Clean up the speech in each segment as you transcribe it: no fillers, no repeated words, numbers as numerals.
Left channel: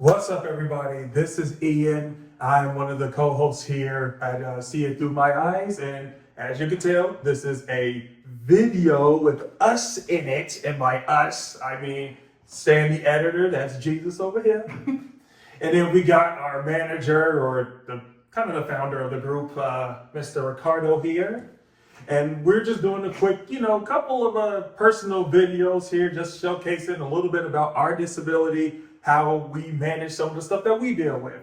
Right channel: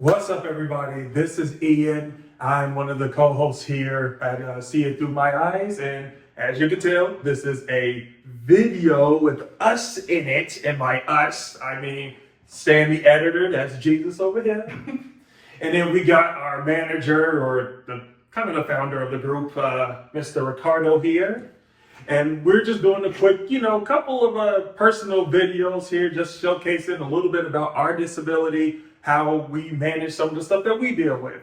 What's up, everybody? This is Ian. I'm one of the co-hosts here at See It Through My Eyes. And as you can tell, this is a video with us in it. And by us, I mean Stan, the editor. That's Jesus over here. And then we got our manager, or the kind of the founder of the group, Mr. Ricardo here. And we're just doing a quick, couple of personal videos here, just showcasing a little bit about our disability, how we manage some of the stuff that we deal with.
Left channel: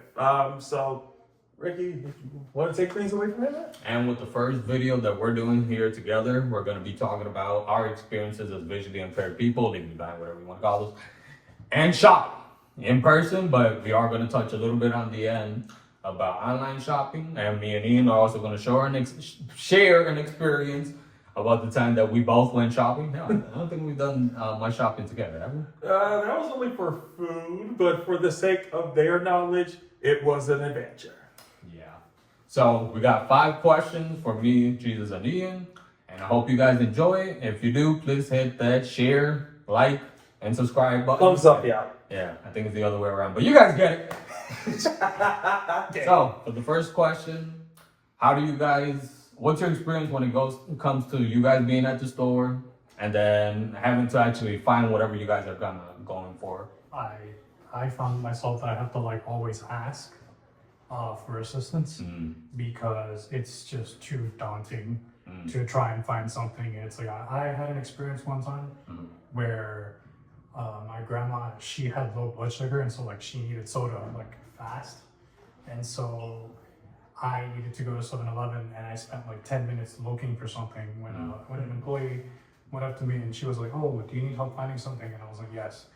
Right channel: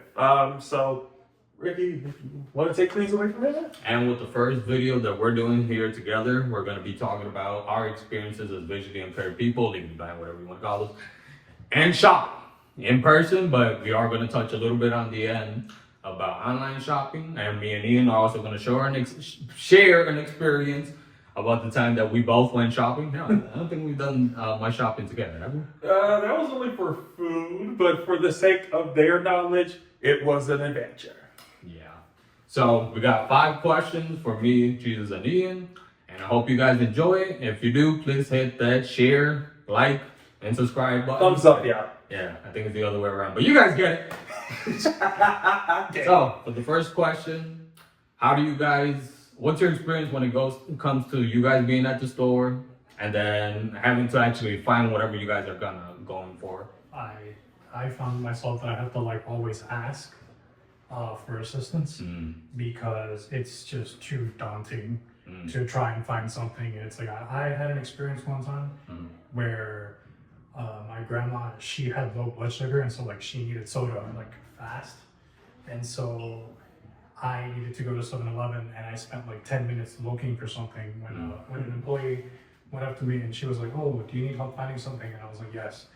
So, Ricky, want to take things away from here? And with the first video that we're doing here together, we're going to be talking about our experiences as visually impaired people, legally blind, whatever you want to call us, and shopping in person. But we are going to touch a little bit on the end about online shopping, and me and Ian are also going to share an experience about the time that we both went shopping. No, I don't think we've done much shopping together, have we? That was only for food, but for the sake of their knowledge, it was an adventure. Yeah. So we got 5 questions for me, Jesus, and Ian, and I hope you guys enjoy it. If you do, please hit that share, like, and subscribe button. Thumbs up, yeah. Yeah, I think it's the other way around, but you guys get it. So, for the first question, what's your experience when it comes to you guys being at the store and then having to actually find whatever you guys are going for? I found myself that I have to always ask for assistance because it's just too daunting to try and find something. And it's like I had an experience one time where my grandma, she had low blood sugar, and so she needed soda fast, and so I needed to go to 7-Eleven, and I spent 10 minutes looking for something when an employee went up to me and she was like, "Oh, do you need help finding something?" And I was like, "Yes."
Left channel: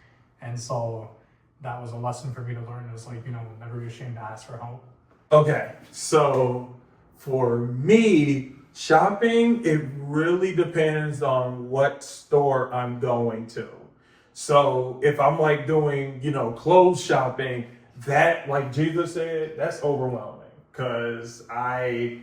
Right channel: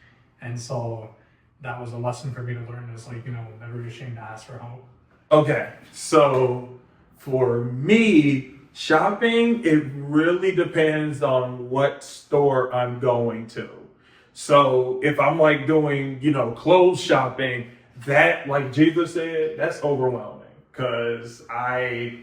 And so that was a lesson for me to learn, is never be ashamed to ask for help. Okay, so for me, shopping, it really depends on what store I'm going to. So if I'm doing, clothes shopping, that, like Jesus said, that's overwhelming because it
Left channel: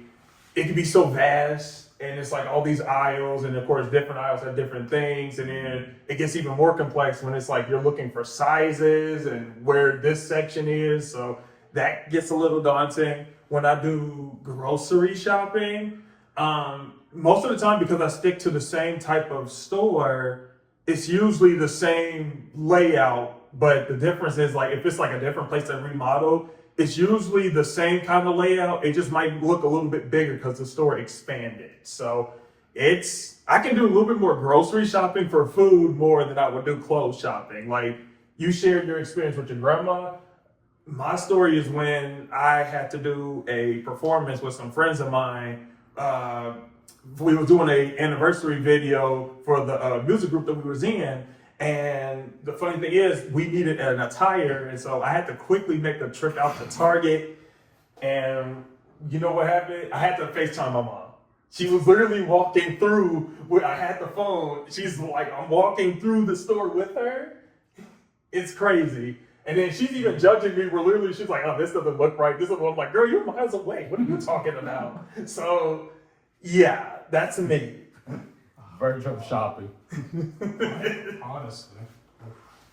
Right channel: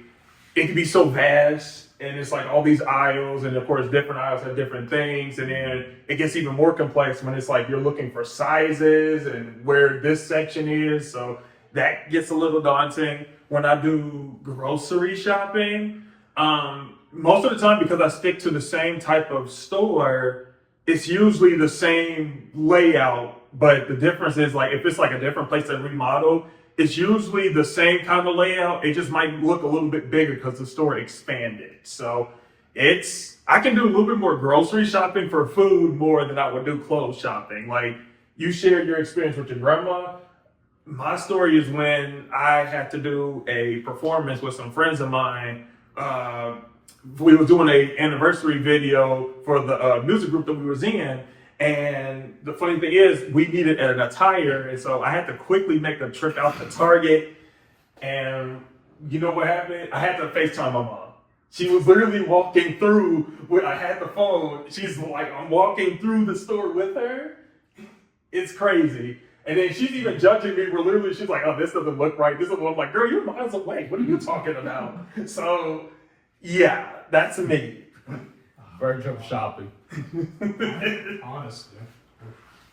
can be so vast, and it's all these aisles, and of course different aisles have different things, and then it gets even more complex when it's you're looking for sizes and where this section is. So that gets a little daunting. When I do grocery shopping, most of the time, because I stick to the same type of store, it's usually the same layout, but the difference is if it's a different place that remodeled, it's usually the same kind of layout. It just might look a little bit bigger because the store expanded. So I can do a little bit more grocery shopping for food more than I would do clothes shopping. You shared your experience with your grandma. My story is when I had to do a performance with some friends of mine. We were doing an anniversary video for the music group that we was in, and the funny thing is we needed an attire, and so I had to quickly make a trip out to Target. And you know what happened? I had to FaceTime my mom. She was literally walking through. I had the phone. She's I'm walking through the store with her. It's crazy. And then she's even judging me. She's like, "Oh, this doesn't look right. This doesn't." I'm like, "Girl, you're miles away. What are you talking about?" So, yeah, that's me. Virtual shopping. Honestly,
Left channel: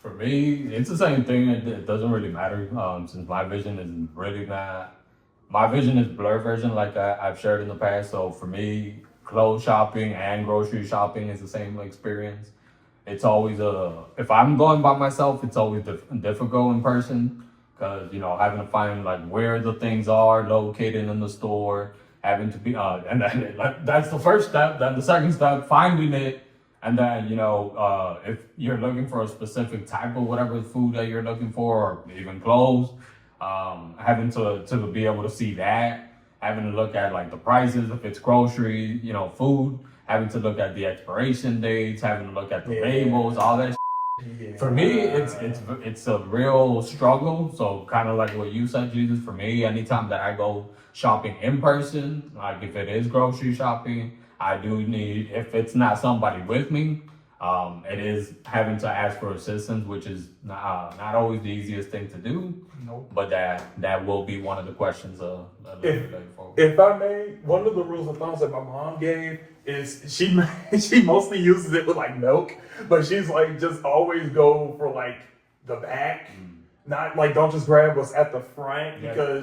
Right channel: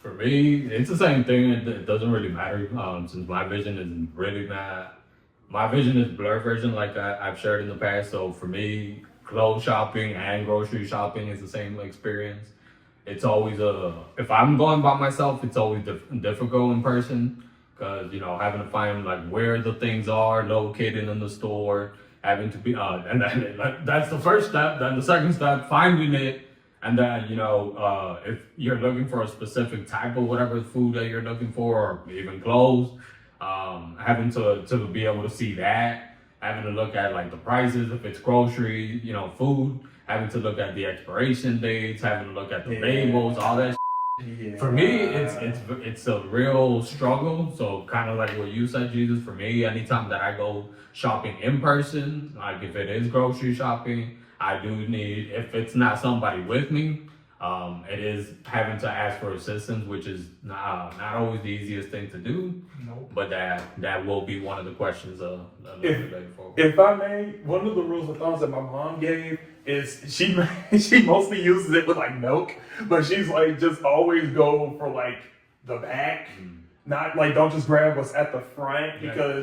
For me, it's the same thing. It doesn't really matter since my vision is really not. My vision is blurred version, like I've shared in the past. So for me, clothes shopping and grocery shopping is the same experience. It's always if I'm going by myself, it's always difficult in person because having to find where the things are located in the store, having to be and then that's the first step. Then the second step, finding it, and then if you're looking for a specific type of whatever food that you're looking for, or even clothes, having to be able to see that, having to look at the prices if it's grocery, food, having to look at the expiration dates, having to look at the labels, all that. Yeah. For me, it's a real struggle. So kind of like what you said, Jesus. For me, anytime that I go shopping in person, if it is grocery shopping, I do need, if it's not somebody with me, it is having to ask for assistance, which is not always the easiest thing to do. nope. But that will be one of the questions If I may, one of the rules of thumbs that my mom gave is she mostly uses it with milk, but she's just always go for the back. Not like don't just grab what's at the front because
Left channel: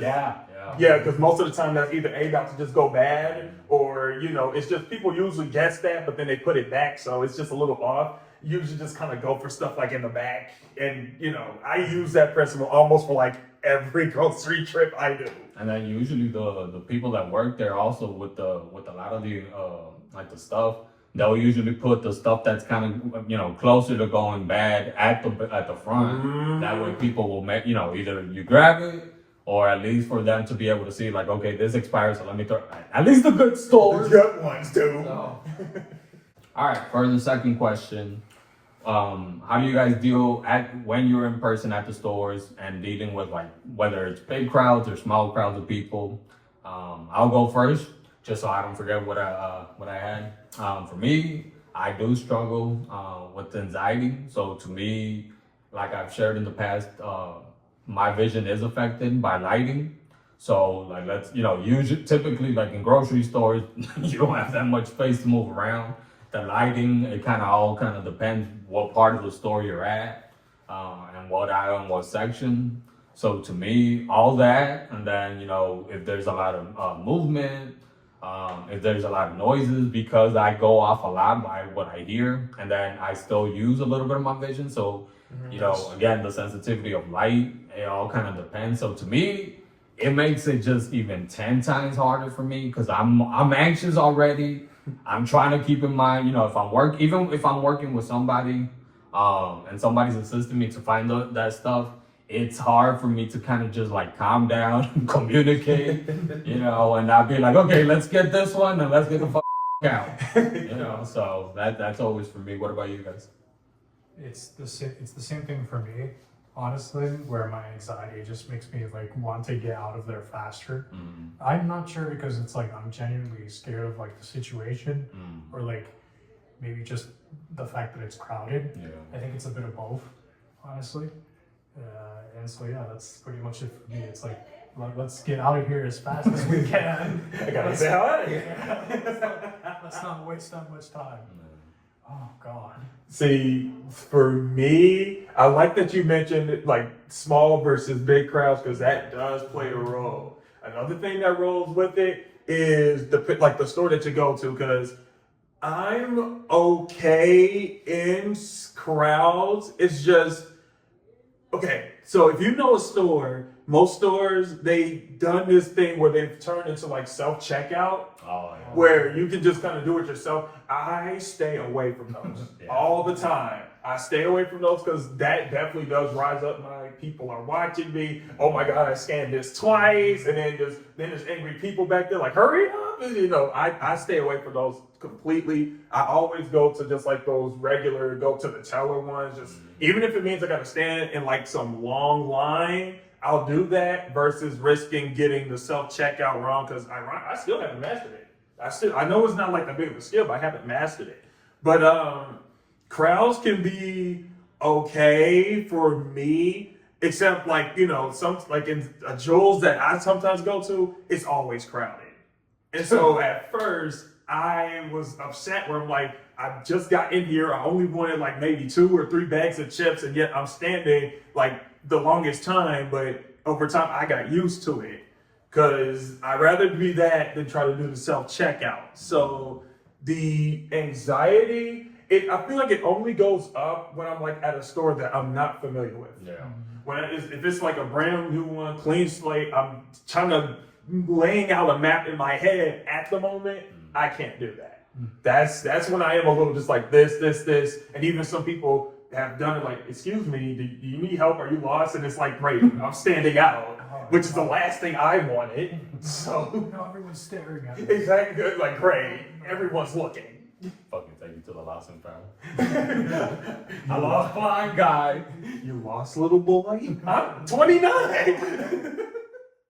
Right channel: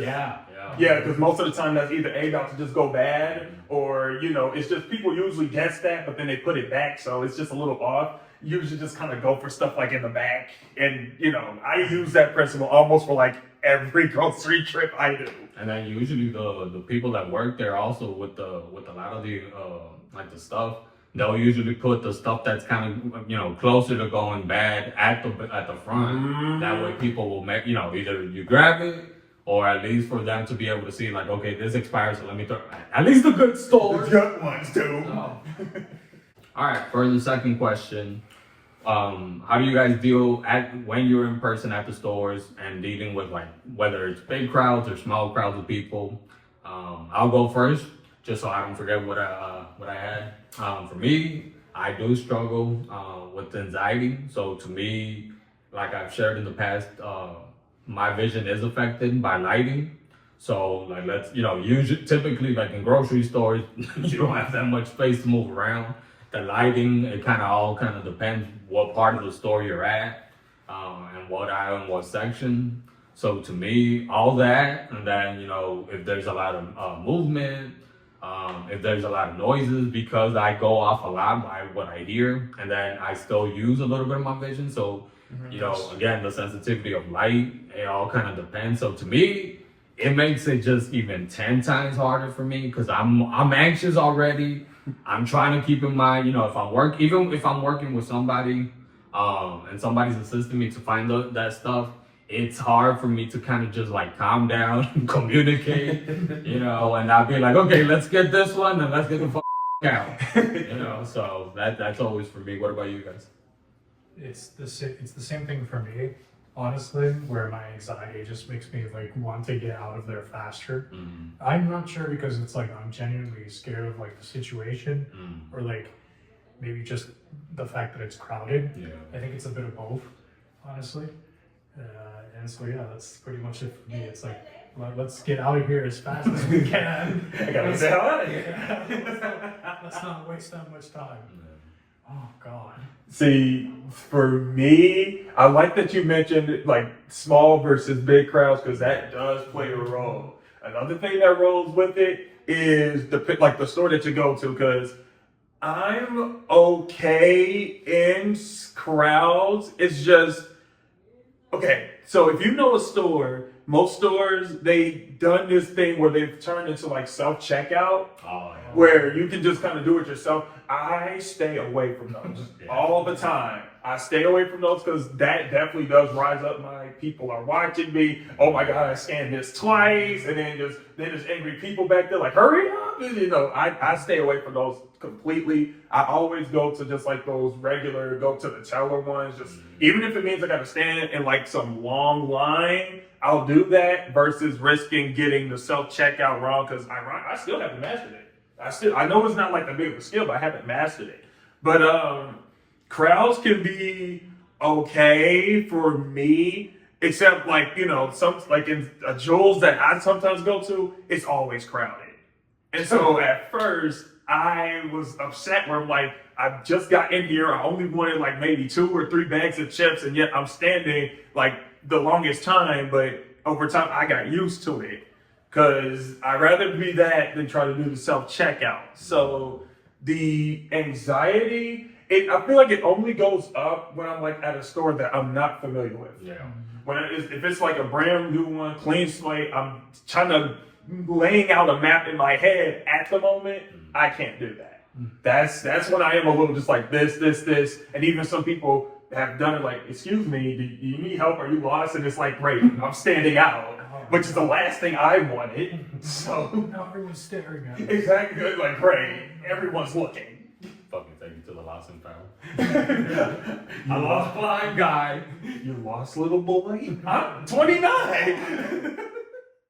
because most of the time that's either about to just go bad or it's just people usually guess that, but then they put it back, so it's just a little off. Usually just kind of go for stuff like in the back, and I use that principle almost for like every grocery trip I do. And then usually the people that work there also with a lot of the like the stuff, they'll usually put the stuff that's kind of closer to going bad at the front. That way people will make either you grab it or at least for them to be able to see like, okay, this expires, so let me throw at least the good stores. The good ones too. All right, for the second question. How do you guys deal when you're in person at the stores and dealing with like whether it's big crowds or small crowds of people? I'll go first just so I don't forget what I had. For me, I do struggle with anxiety. So to me, like I've shared in the past, my vision is affected by lighting. So like usually typically like in grocery stores, you don't have that much space to move around. The lighting, it all depends what part of the store you're at, and what aisle and what section. So to me, all that, and then if there's a lot of movement, if there's a lot of noises, because I go off a lot by what I hear, and then I still use a little bit of my vision. So again, the sensitivity of light, it all kind of depends. So to me, it makes it just even 10 times harder for me because I'm anxious already. I'm trying to keep in mind, if I'm working with somebody, and somebody's assisting me to find that stuff, it's hard for me to kind of just like calm down and communicate, and I'll be like, okay, let's get this one and let's get the out, so that's always for me. What about you guys? It's the same thing for me, honestly, where my anxiety just makes me like want to get out of there faster. I'm not sure because it's like I'm genuinely scared of like the situation or like maybe just the fact that it's crowded. I think it's a bit of both, honestly. And so that's pretty much it for me. It's like let's get out of here as fast as we can. I gotta get out of here. Let's not waste that much time. Oh God. See, for me, I like that you mentioned like small versus big crowds because that does play a role. Another thing that rolls with it is the store that you go to, because I'm okay in crowds. It's just okay. So if you know a store, most stores they've done this thing where they've turned into like self-checkout. Where you can just kind of do it yourself. I stay away from those all the time. I stay away from those because that definitely does rise up my people are watching me. Oh my God, I scanned this twice, and then there's angry people back there like, hurry up. And, I stay away from those completely. I always go to just like those regular, go to the teller ones. Just even if it means I got to stand in like some long line, I'll do that versus risking getting the self-checkout wrong because I still haven't mastered it. I know it's not like that big of a skill, but I haven't mastered it. But crowds can be okay for me, except like some like in Jules that I sometimes go to, it's always crowded. And so at first I was upset where I'm like, I just got in here, I only wanted like maybe 2 or 3 bags of chips, and yet I'm standing like the longest time. But over time I got used to it. Because I'd rather be that than try to do the self-checkout. So the anxiety, I feel like it only goes up when I'm like at a store that I'm not familiar with. If it's like a brand new one, clean slate, I'm trying to laying out a map in my head at the moment, I can't do that. That's when I am a little just like this. And even some people have done it like, excuse me, do you need help? Are you lost? And it's like, great, I'm standing out. Which is the last thing I wanted. So now everyone's staring at me. Exactly. Like great. Everyone's looking. Fucking take you to the lost and found. I lost blind guy. You lost little boy? I'm 29.